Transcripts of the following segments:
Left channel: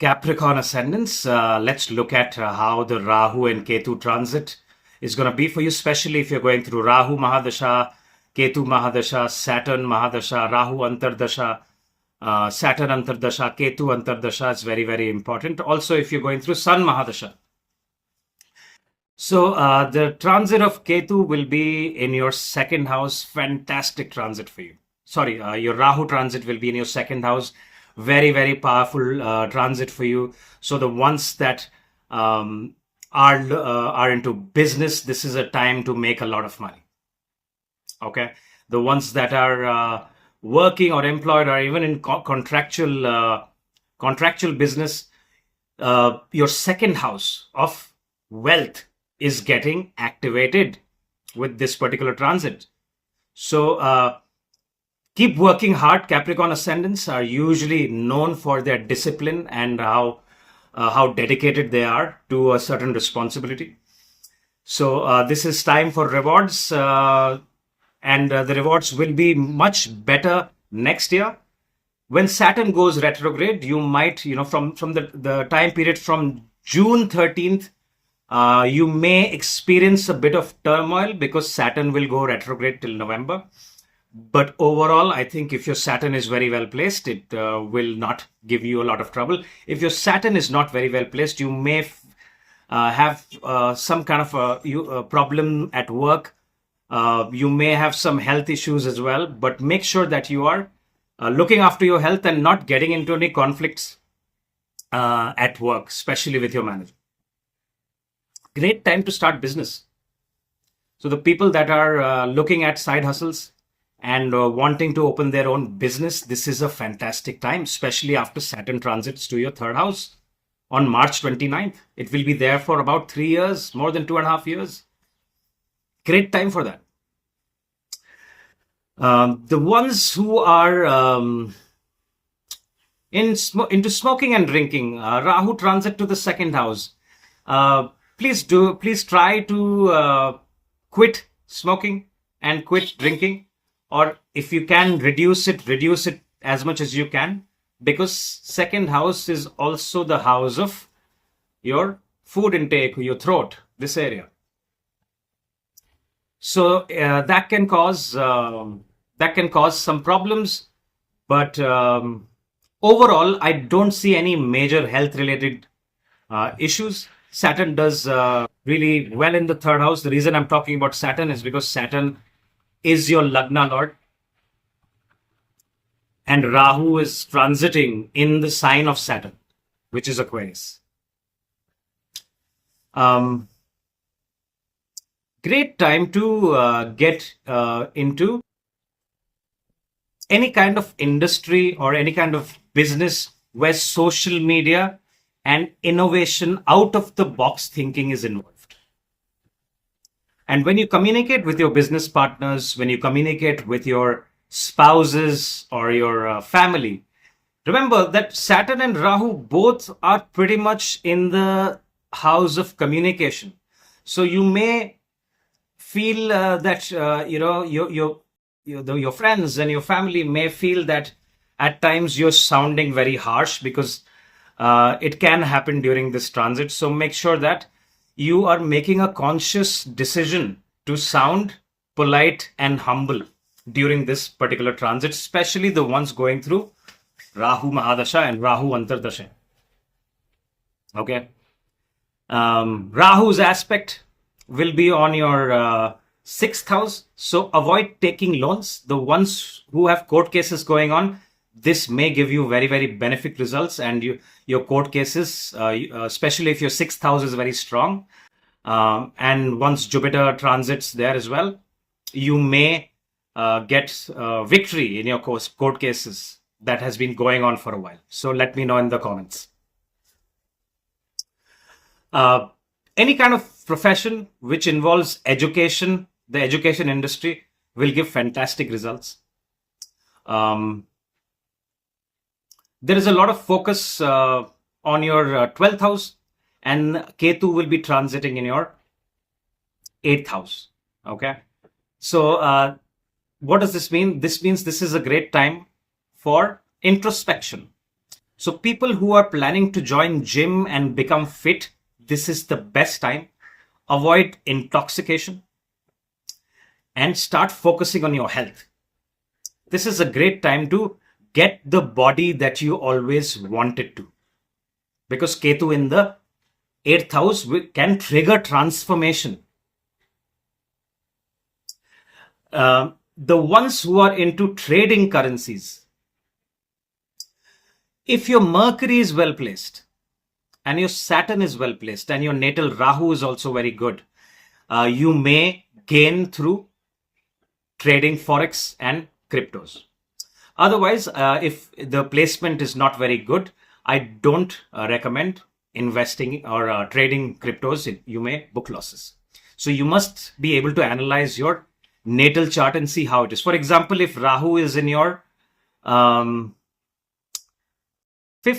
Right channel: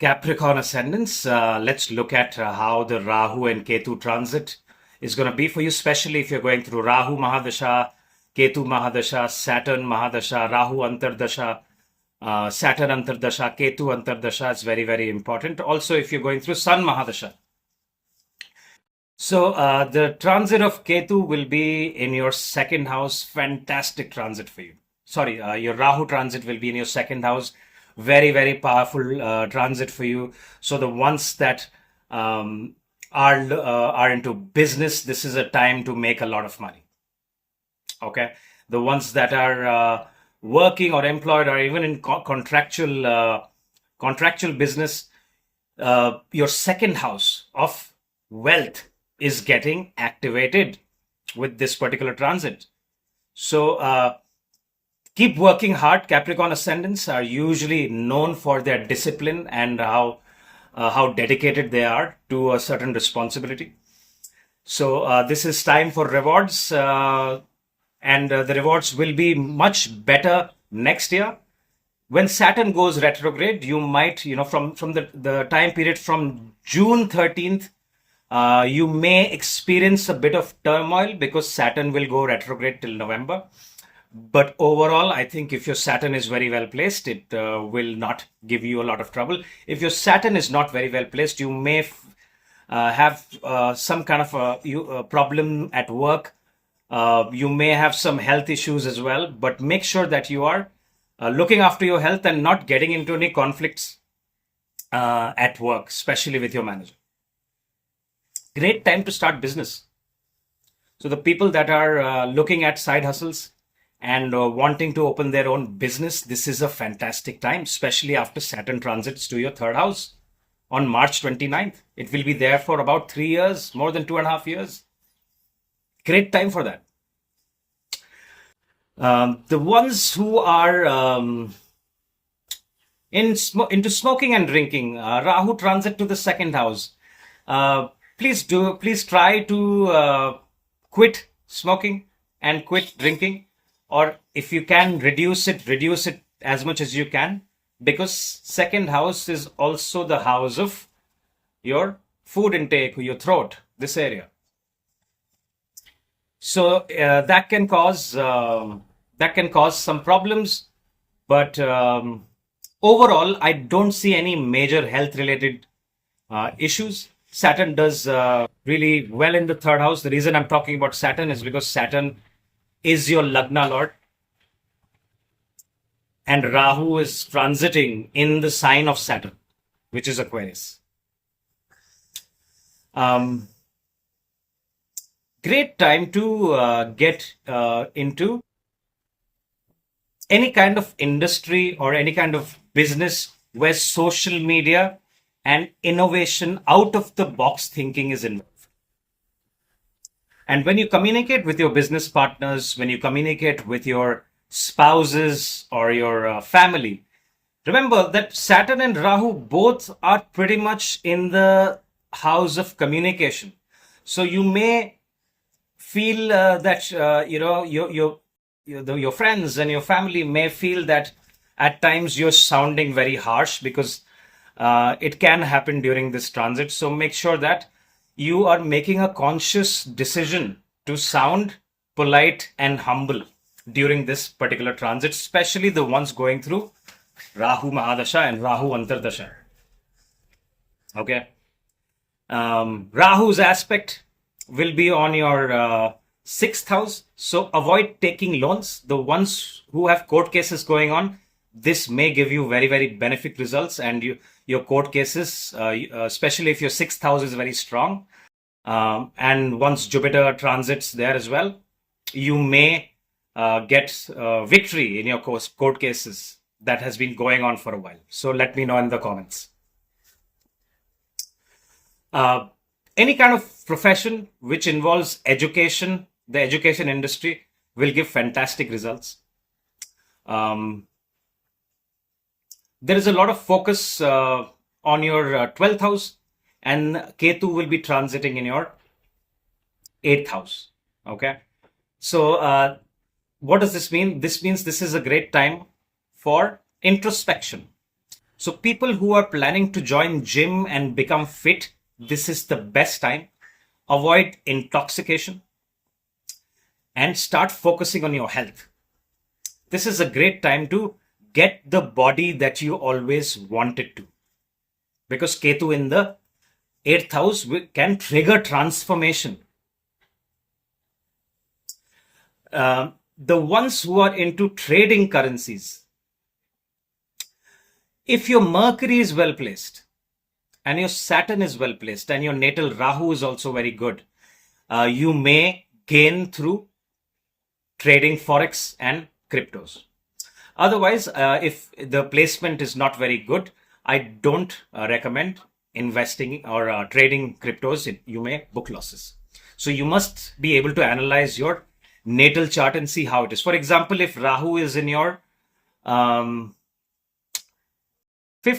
Capricorn ascendants, let's look at how the Rahu and Ketu transit is going to be for you, especially if you're going through Rahu Mahadasha, Ketu Mahadasha, Saturn Mahadasha, Rahu Antardasha, Saturn Antardasha, Ketu Antardasha is very, very important. Also, if you're going through Sun Mahadasha. So, the transit of Ketu will be in your second house. Fantastic transit for you. Sorry, your Rahu transit will be in your second house. Very, very powerful transit for you. So the ones that are into business, this is a time to make a lot of money. Okay, the ones that are working or employed or even in contractual business, your second house of wealth is getting activated with this particular transit. So keep working hard. Capricorn ascendants are usually known for their discipline and how dedicated they are to a certain responsibility. So this is time for rewards, and the rewards will be much better next year. When Saturn goes retrograde, you might, from the time period from June 13th, you may experience a bit of turmoil because Saturn will go retrograde till November. But overall, I think if your Saturn is very well placed, it will not give you a lot of trouble. If your Saturn is not very well placed, you may have some kind of a problem at work. You may have some health issues as well, but make sure that you are looking after your health and not getting into any conflicts at work, especially with your manager. Great time to start business. So the people that are looking at side hustles and wanting to open their own business, this is a fantastic time, especially after Saturn transits to your third house on March 29th. It will be there for about 3 years, more than 2.5 years. Great time for that. The ones who are into smoking and drinking, Rahu transit to the second house. Please try to quit smoking and quit drinking, or if you can reduce it as much as you can, because second house is also the house of your food intake, your throat, this area. So that can cause some problems, but overall, I don't see any major health related issues. Saturn does really well in the third house. The reason I'm talking about Saturn is because Saturn is your Lagna Lord, and Rahu is transiting in the sign of Saturn, which is Aquarius. Great time to get into any kind of industry or any kind of business where social media and innovation, out of the box thinking is involved. And when you communicate with your business partners, when you communicate with your spouses or your family, remember that Saturn and Rahu both are pretty much in the house of communication. So you may feel that your friends and your family may feel that at times you're sounding very harsh, because it can happen during this transit. So make sure that you are making a conscious decision to sound polite and humble during this particular transit, especially the ones going through Rahu Mahadasha and Rahu Antardasha. Okay. Rahu's aspect will be on your sixth house. So avoid taking loans. The ones who have court cases going on, this may give you very, very beneficial results, and your court cases, especially if your sixth house is very strong, and once Jupiter transits there as well, you may get victory in your court cases that has been going on for a while. So let me know in the comments. Any kind of profession which involves education, the education industry will give fantastic results. There is a lot of focus on your 12th house, and Ketu will be transiting in your 8th house. Okay. So what does this mean? This means this is a great time for introspection. So people who are planning to join gym and become fit, this is the best time. Avoid intoxication and start focusing on your health. This is a great time to get the body that you always wanted to. Because Ketu in the 8th house can trigger transformation. The ones who are into trading currencies, if your Mercury is well placed and your Saturn is well placed and your natal Rahu is also very good, you may gain through trading forex and cryptos. Otherwise, if the placement is not very good, I don't recommend investing or trading cryptos. You may book losses. So you must be able to analyze your natal chart and see how it is. For example, if Rahu is in your 5th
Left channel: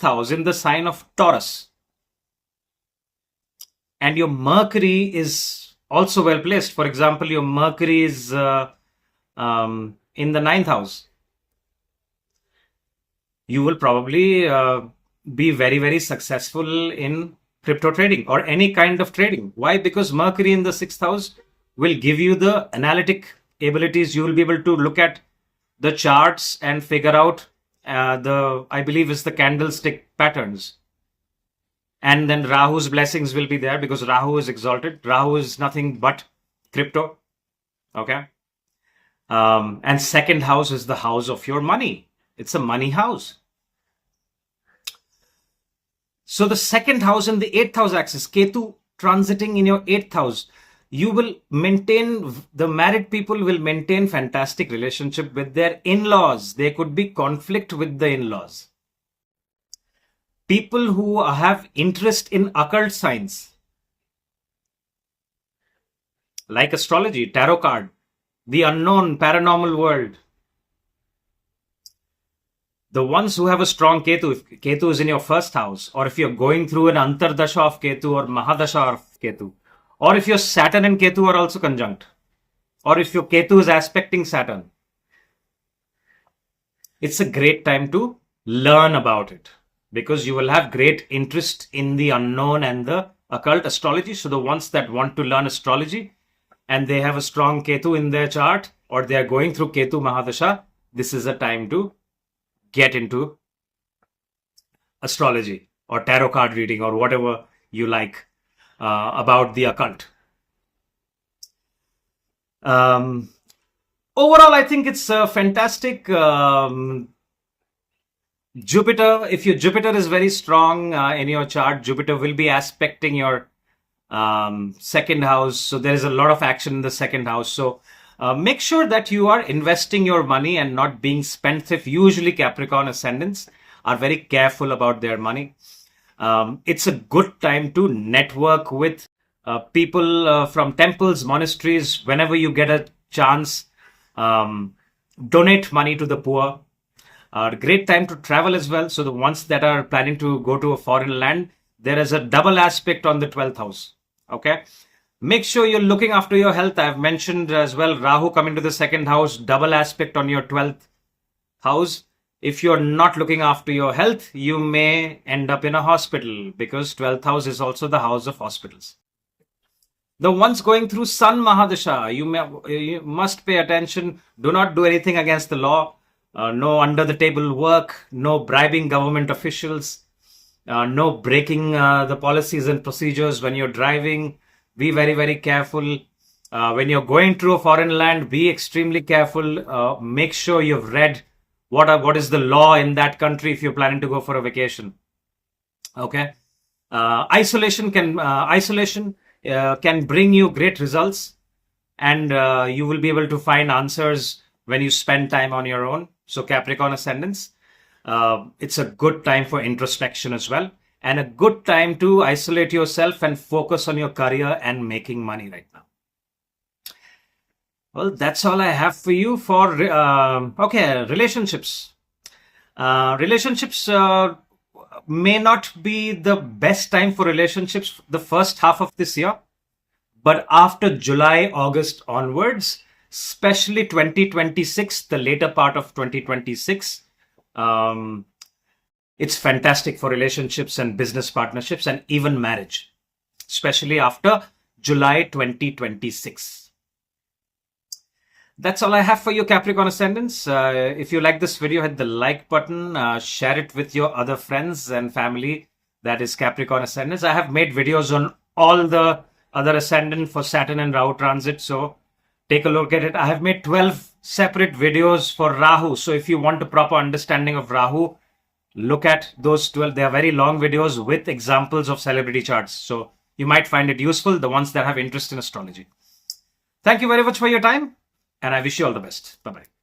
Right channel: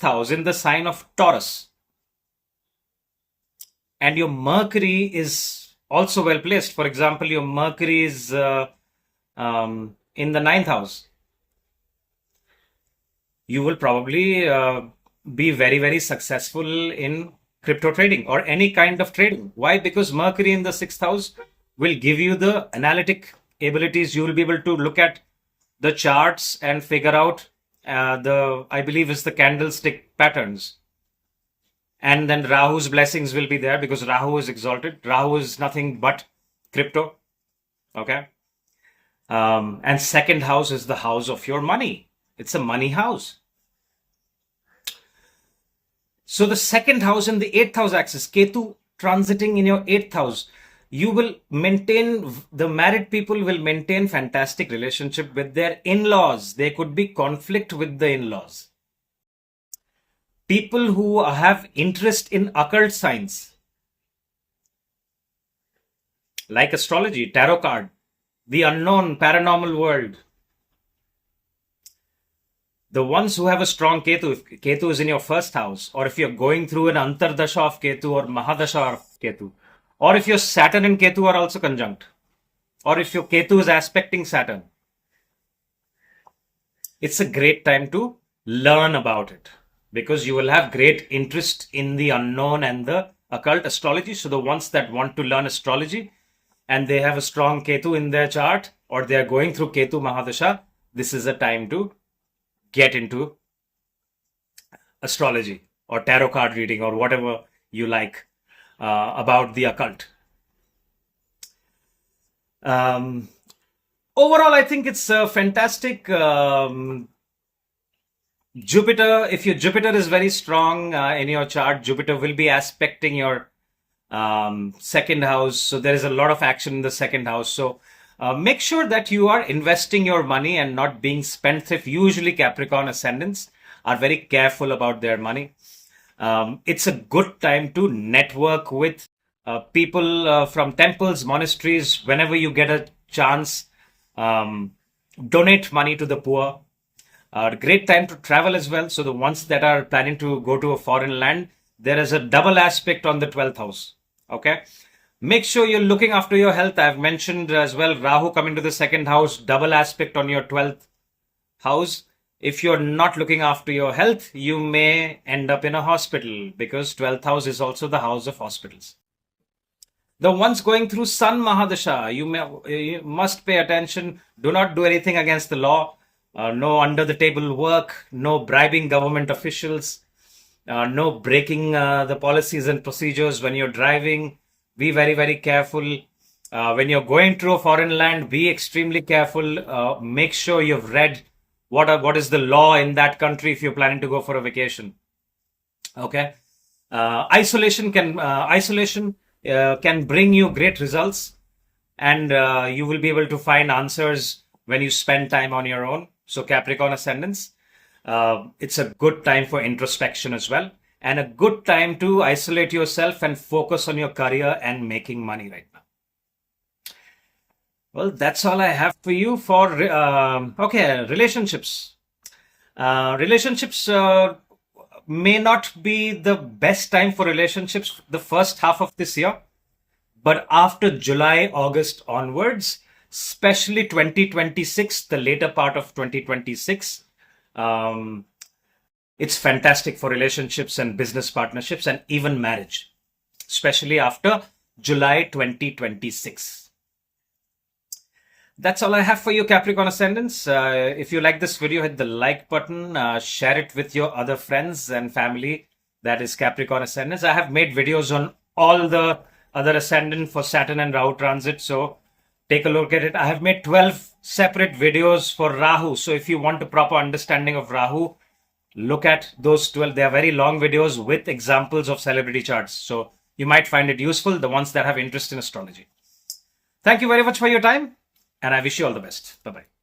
house in the sign of Taurus, and your Mercury is also well placed. For example, your Mercury is in the 9th house. You will probably be very, very successful in crypto trading or any kind of trading. Why? Because Mercury in the 6th house will give you the analytic abilities. You will be able to look at the charts and figure out I believe is the candlestick patterns. And then Rahu's blessings will be there because Rahu is exalted. Rahu is nothing but crypto. Okay. And 2nd house is the house of your money. It's a money house. So the 2nd house and the 8th house axis, Ketu transiting in your 8th house, you will maintain, the married people will maintain fantastic relationship with their in-laws. There could be conflict with the in-laws. People who have interest in occult science, like astrology, tarot card, the unknown, paranormal world. The ones who have a strong Ketu, if Ketu is in your 1st house, or if you're going through an Antardasha of Ketu or Mahadasha of Ketu, or if your Saturn and Ketu are also conjunct, or if your Ketu is aspecting Saturn, it's a great time to learn about it because you will have great interest in the unknown and the occult astrology. So the ones that want to learn astrology and they have a strong Ketu in their chart or they are going through Ketu Mahadasha, this is a time to get into astrology or tarot card reading or whatever you like about the occult. Overall, I think it's fantastic. Jupiter, if your Jupiter is very strong in your chart, Jupiter will be aspecting your 2nd house. So there is a lot of action in the 2nd house. So make sure that you are investing your money and not being spendthrift. Usually Capricorn ascendants are very careful about their money. It's a good time to network with people from temples, monasteries. Whenever you get a chance, donate money to the poor. Great time to travel as well. So the ones that are planning to go to a foreign land, there is a double aspect on the 12th house. Okay. Make sure you're looking after your health. I've mentioned as well, Rahu coming to the 2nd house, double aspect on your 12th house. If you're not looking after your health, you may end up in a hospital because 12th house is also the house of hospitals. The ones going through Sun Mahadasha, you must pay attention. Do not do anything against the law. No under the table work, no bribing government officials, no breaking the policies and procedures when you're driving. Be very, very careful. When you're going through a foreign land, be extremely careful. Make sure you've read what is the law in that country if you're planning to go for a vacation. Okay. Isolation can bring you great results, and you will be able to find answers when you spend time on your own. So Capricorn ascendants, it's a good time for introspection as well, and a good time to isolate yourself and focus on your career and making money right now. Well, that's all I have for you for, relationships. Relationships may not be the best time for relationships the first half of this year, but after July, August onwards, especially 2026, the later part of 2026, It's fantastic for relationships and business partnerships and even marriage, especially after July 2026. That's all I have for you, Capricorn Ascendants. If you like this video, hit the like button, share it with your other friends and family that is Capricorn Ascendants. I have made videos on all the other Ascendant for Saturn and Rahu transit, so take a look at it. I have made 12 separate videos for Rahu, so if you want a proper understanding of Rahu, look at those 12. They are very long videos with examples of celebrity charts, so you might find it useful, the ones that have interest in astrology. Thank you very much for your time, and I wish you all the best. Bye-bye.